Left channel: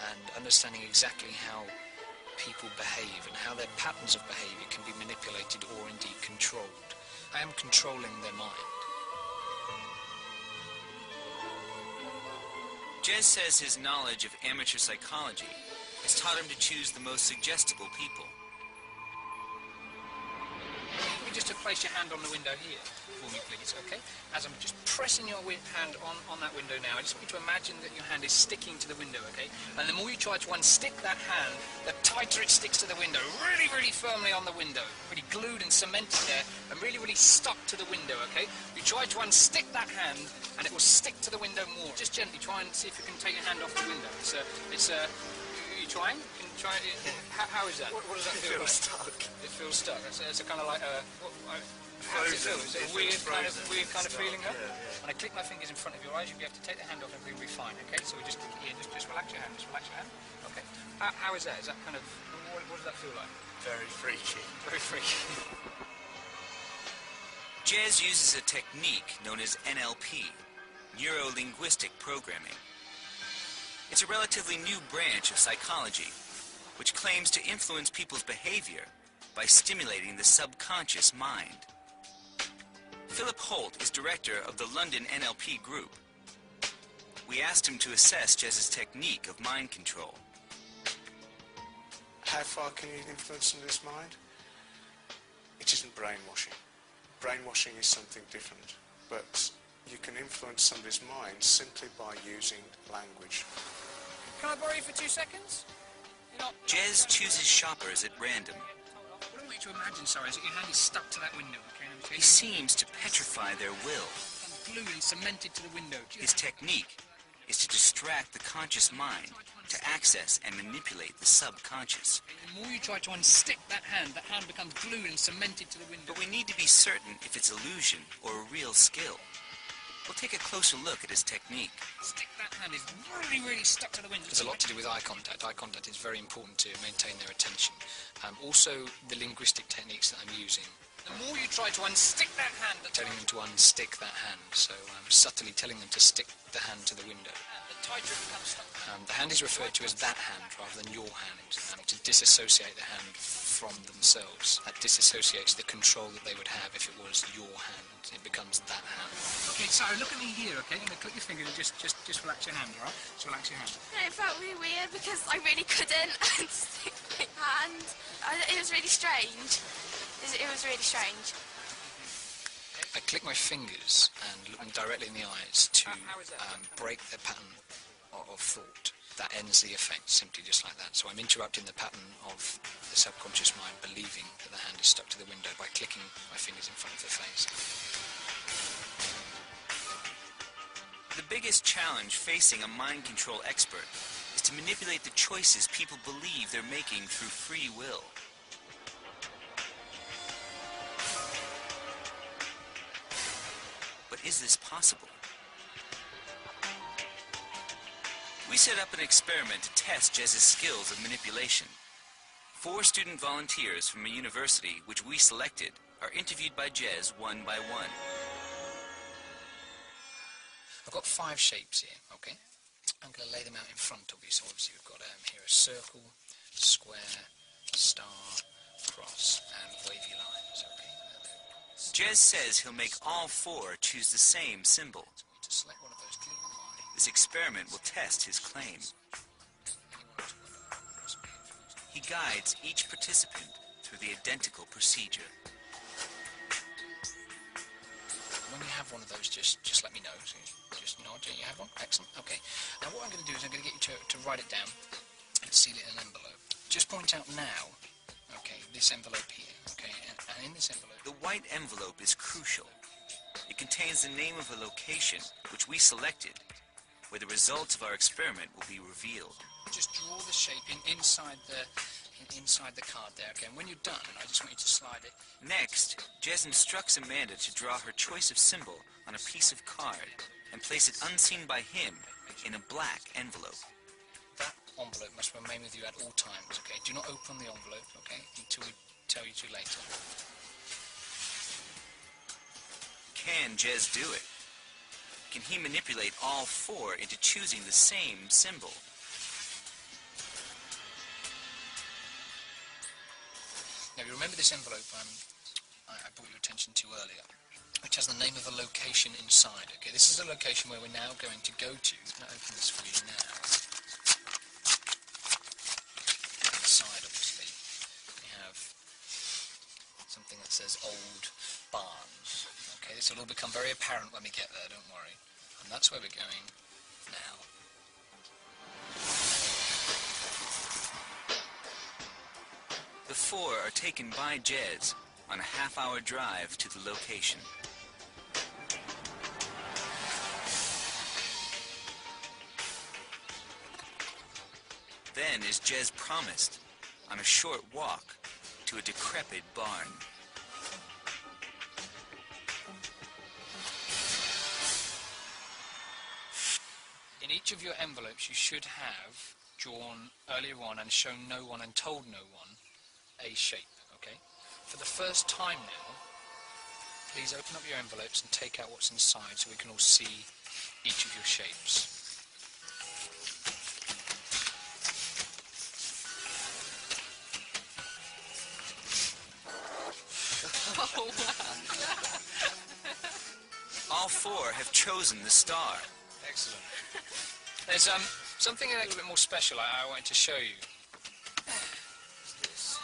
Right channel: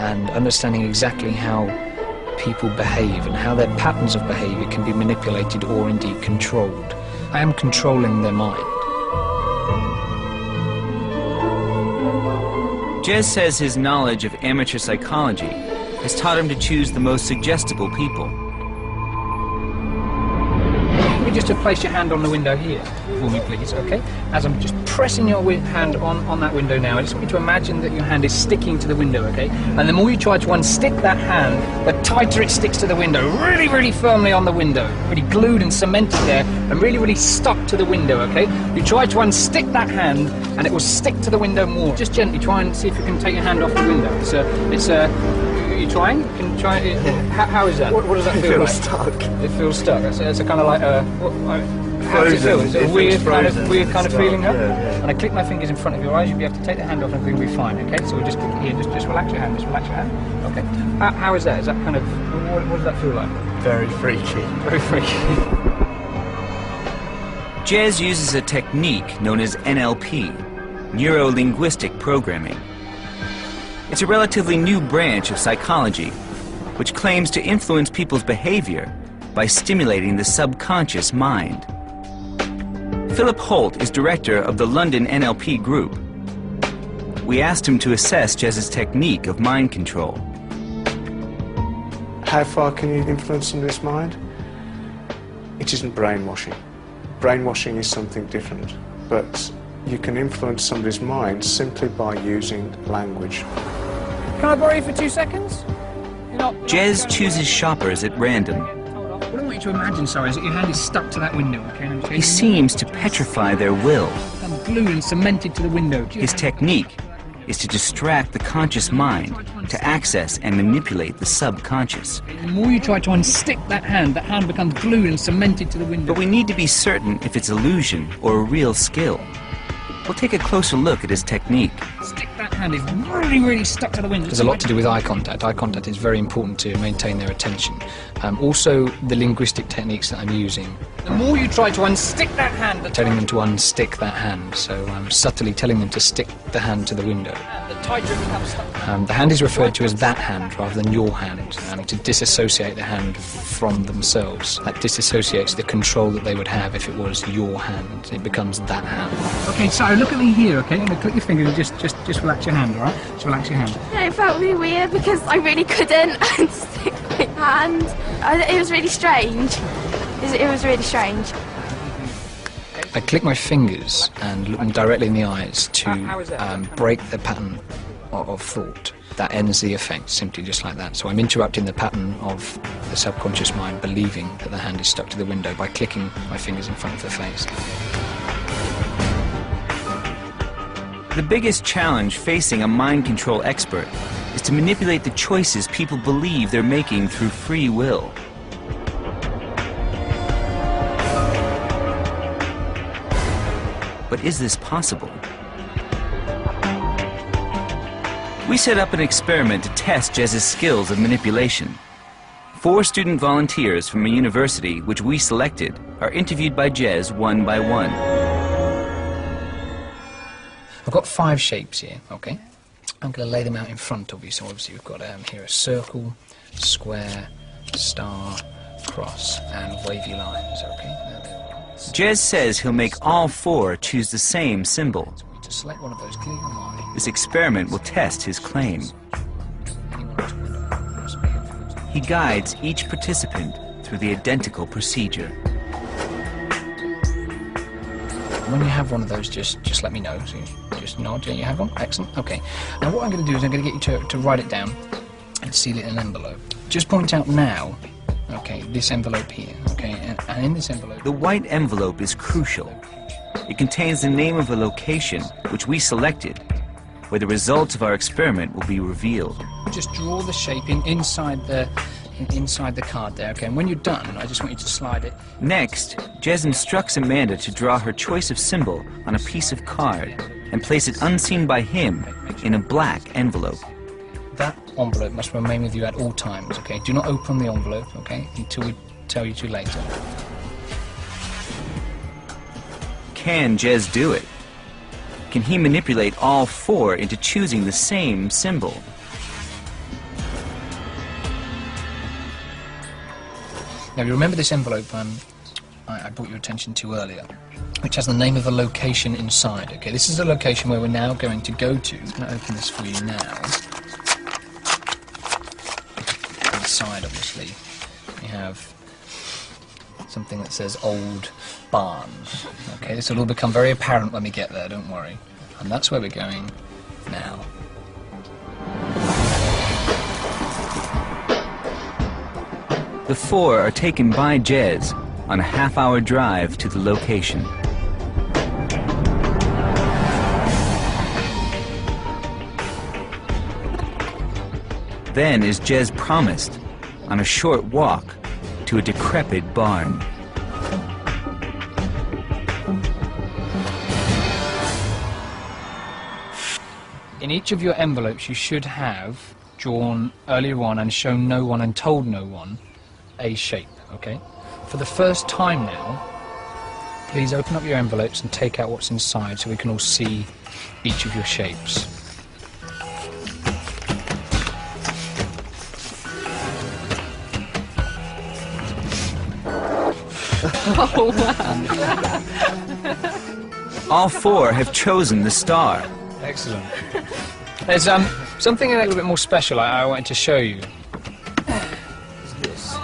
and understanding exactly how people behave and how their patterns of behaviour can be manipulated or indeed controlled. I am controlling their mind. Jez says his knowledge of amateur psychology has taught him to choose the most suggestible people. You just place your hand on the window here for me, please, okay? As I'm just pressing your hand on that window now, I just want you to imagine that your hand is sticking to the window, okay? And the more you try to unstick that hand, the tighter it sticks to the window, really, really firmly on the window, really glued and cemented there, and really, really stuck to the window, okay? You try to unstick that hand, and it will stick to the window more. Just gently try and see if you can take your hand off the window. Are you trying? Can you try it? How is that? What does that feel like? It feels stuck. It feels stuck. It's a kind of like how does it feel? Is it a weird kind of feeling? Huh? Yeah. And I click my fingers in front of your eyes. You'll be able to take the hand off, and everything will be fine. Okay. So we just click here. Just relax your hand. Just relax your hand. Okay. How is that? Is that kind of what does that feel like? Very freaky. Very freaky. Jez uses a technique known as NLP, Neuro-linguistic programming. It's a relatively new branch of psychology, which claims to influence people's behavior by stimulating the subconscious mind. Philip Holt is director of the London NLP group. We asked him to assess Jez's technique of mind control. How far can you influence somebody's mind? It isn't brainwashing. Brainwashing is something different, but you can influence somebody's mind simply by using language. Can I borrow you for 2 seconds? Jez chooses shoppers at random. What I want you to imagine, sorry, is that your hand is stuck to that window, okay? He seems to petrify their will. I'm glued and cemented to the window. His technique is to distract the conscious mind to access and manipulate the subconscious. The more you try to unstick that hand becomes glued and cemented to the window. But we need to be certain if it's illusion or a real skill. We'll take a closer look at his technique. Stick that hand is really, really stuck to the window. There's a lot to do with eye contact. Eye contact is very important to maintain their attention. Also, the linguistic techniques that I'm using. The more you try to unstick that hand, telling them to unstick that hand. So I'm subtly telling them to stick the hand to the window. The tighter it becomes stuck. The hand is referred to as that hand rather than your hand, to disassociate the hand from themselves. That disassociates the control that they would have if it was your hand. It becomes that hand. Okay, so look at me here, okay? I'm gonna click your fingers and just relax your hand, all right? Just relax your hand. Yeah, it felt really weird because I really couldn't unstick my hand. It was really strange. It was really strange. I click my fingers and look them directly in the eyes to break the pattern of thought. That ends the effect, simply just like that. So I'm interrupting the pattern of the subconscious mind believing that the hand is stuck to the window by clicking my fingers in front of the face. The biggest challenge facing a mind control expert is to manipulate the choices people believe they're making through free will. But is this possible? We set up an experiment to test Jez's skills of manipulation. 4 student volunteers from a university which we selected are interviewed by Jez one by one. I've got 5 shapes here, okay? I'm going to lay them out in front of you. So obviously we've got here a circle, square, star, cross, and wavy lines, okay? Jez says he'll make all 4 choose the same symbol. To select one of those clearly. This experiment will test his claim. He guides each participant through the identical procedure. When you have one of those, just let me know. So you just nod. You have one? Excellent. Okay. Now what I'm going to do is I'm going to get you to write it down and seal it in an envelope. Just point out now, okay, this envelope here, okay, and in this envelope... The white envelope is crucial. It contains the name of a location which we selected, where the results of our experiment will be revealed. Just draw the shape inside the card there, okay? And when you're done, I just want you to slide it. Next, Jez instructs Amanda to draw her choice of symbol on a piece of card and place it unseen by him in a black envelope. That envelope must remain with you at all times, okay? Do not open the envelope, okay, until we tell you to later. Can Jez do it? Can he manipulate all 4 into choosing the same symbol? Now you remember this envelope I brought your attention to earlier, which has the name of a location inside. Okay, this is the location where we're now going to go to. I'm going to open this for you now. Inside, obviously, we have something that says Old Barn. Okay, this will all become very apparent when we get there, don't worry. And that's where we're going now. The four are taken by Jez on a half-hour drive to the location. Then, as Jez promised, on a short walk to a decrepit barn. In each of your envelopes you should have drawn earlier on and shown no one and told no one a shape, okay? For the first time now, please open up your envelopes and take out what's inside so we can all see each of your shapes. Oh, wow. All four have chosen the star. Excellent. There's something a little bit more special I wanted to show you. It's this.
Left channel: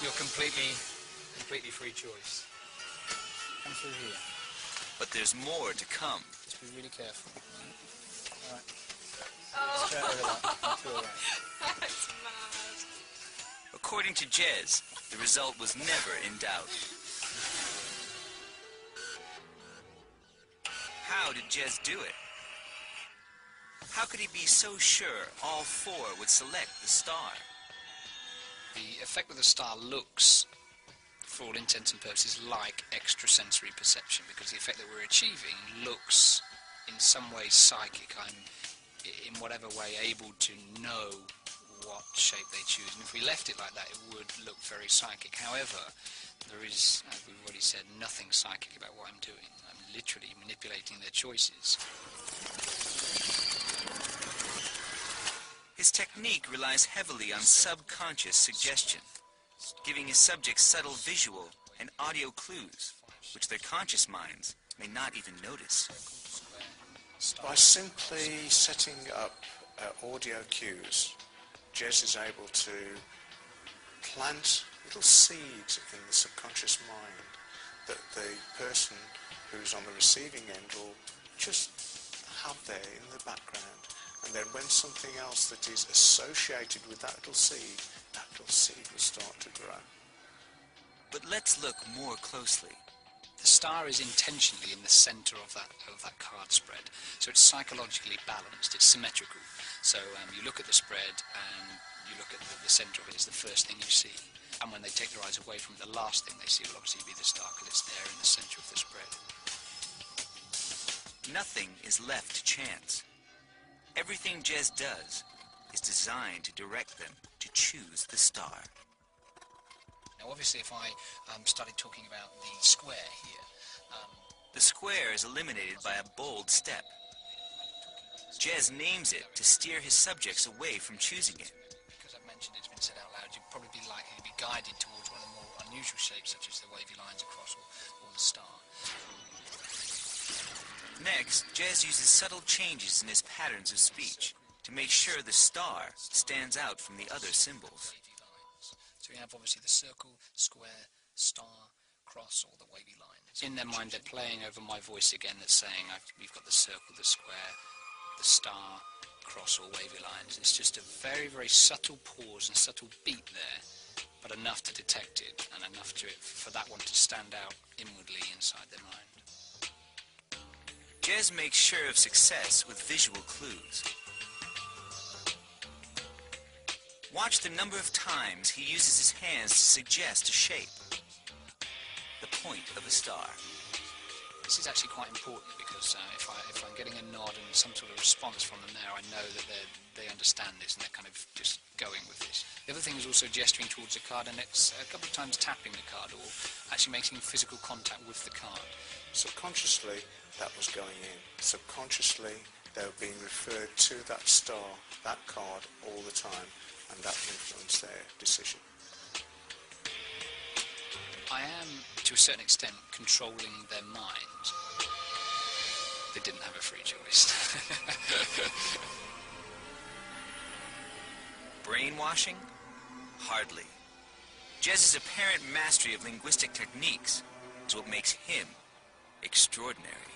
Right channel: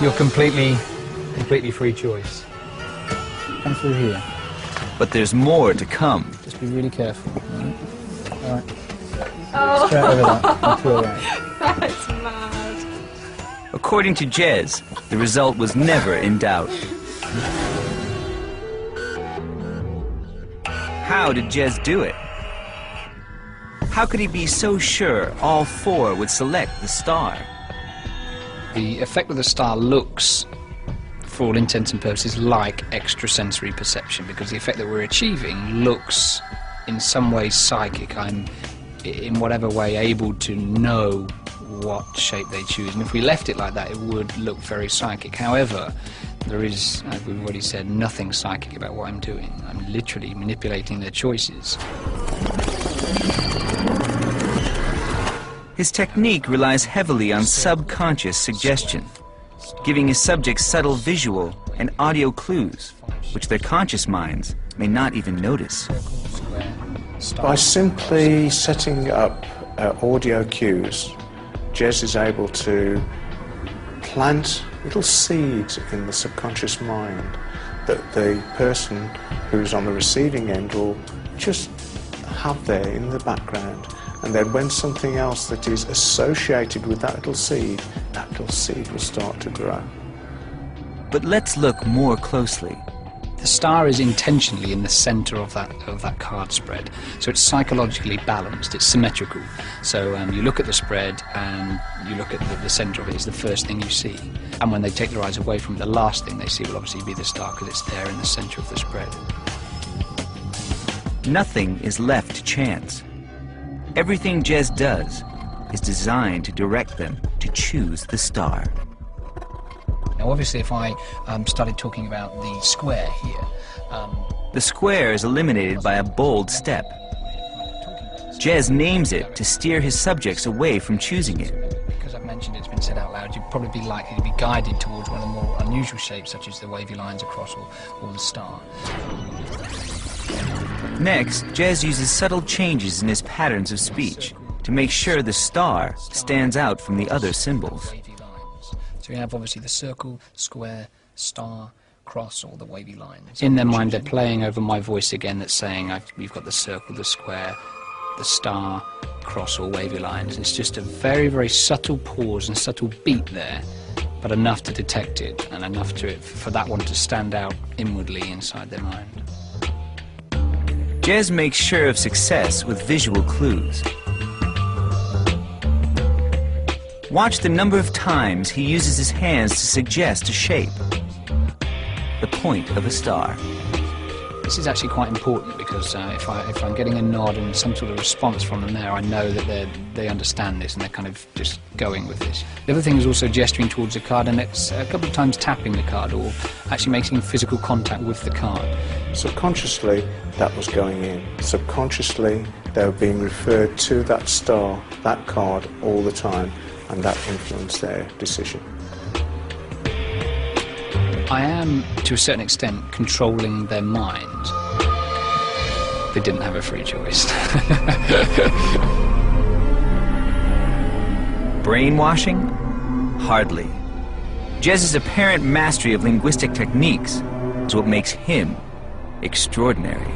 You're completely free choice. Come through here. But there's more to come. Just be really careful. All right. Oh. Straight over that and to the right. That's mad. According to Jez, the result was never in doubt. How did Jez do it? How could he be so sure all four would select the star? The effect of the star looks, for all intents and purposes, like extrasensory perception, because the effect that we're achieving looks in some ways psychic. I'm, in whatever way, able to know what shape they choose, and if we left it like that it would look very psychic. However, there is, as we've already said, nothing psychic about what I'm doing. I'm literally manipulating their choices. His technique relies heavily on subconscious suggestion, giving his subjects subtle visual and audio clues, which their conscious minds may not even notice. By simply setting up audio cues, Jez is able to plant little seeds in the subconscious mind that the person who's on the receiving end will just have there in the background. And then when something else that is associated with that little seed will start to grow. But let's look more closely. The star is intentionally in the center of that card spread, so it's psychologically balanced, it's symmetrical. So you look at the spread and you look at the center of it is the first thing you see. And when they take their eyes away from it, the last thing they see will obviously be the star because it's there in the center of the spread. Nothing is left to chance. Everything Jez does is designed to direct them to choose the star. Now obviously if I started talking about the square here... the square is eliminated by a bold step. Jez names it to steer his subjects away from choosing it. Because I've mentioned it's been said out loud, you'd probably be likely to be guided towards one of the more unusual shapes, such as the wavy lines across or the star. Next, Jez uses subtle changes in his patterns of speech to make sure the star stands out from the other symbols. So you have obviously the circle, square, star, cross, or the wavy lines. In their mind they're playing over my voice again that's saying we've got the circle, the square, the star, cross, or wavy lines. It's just a very, very subtle pause and subtle beat there, but enough to detect it and enough for that one to stand out inwardly inside their mind. Jez makes sure of success with visual clues. Watch the number of times he uses his hands to suggest a shape, the point of a star. This is actually quite important because if I'm getting a nod and some sort of response from them there, I know that they understand this and they're kind of just going with this. The other thing is also gesturing towards the card, and it's a couple of times tapping the card or actually making physical contact with the card. Subconsciously, that was going in. Subconsciously, they were being referred to that star, that card, all the time. and that influenced their decision. I am, to a certain extent, controlling their mind. They didn't have a free choice. Brainwashing? Hardly. Jez's apparent mastery of linguistic techniques is what makes him extraordinary.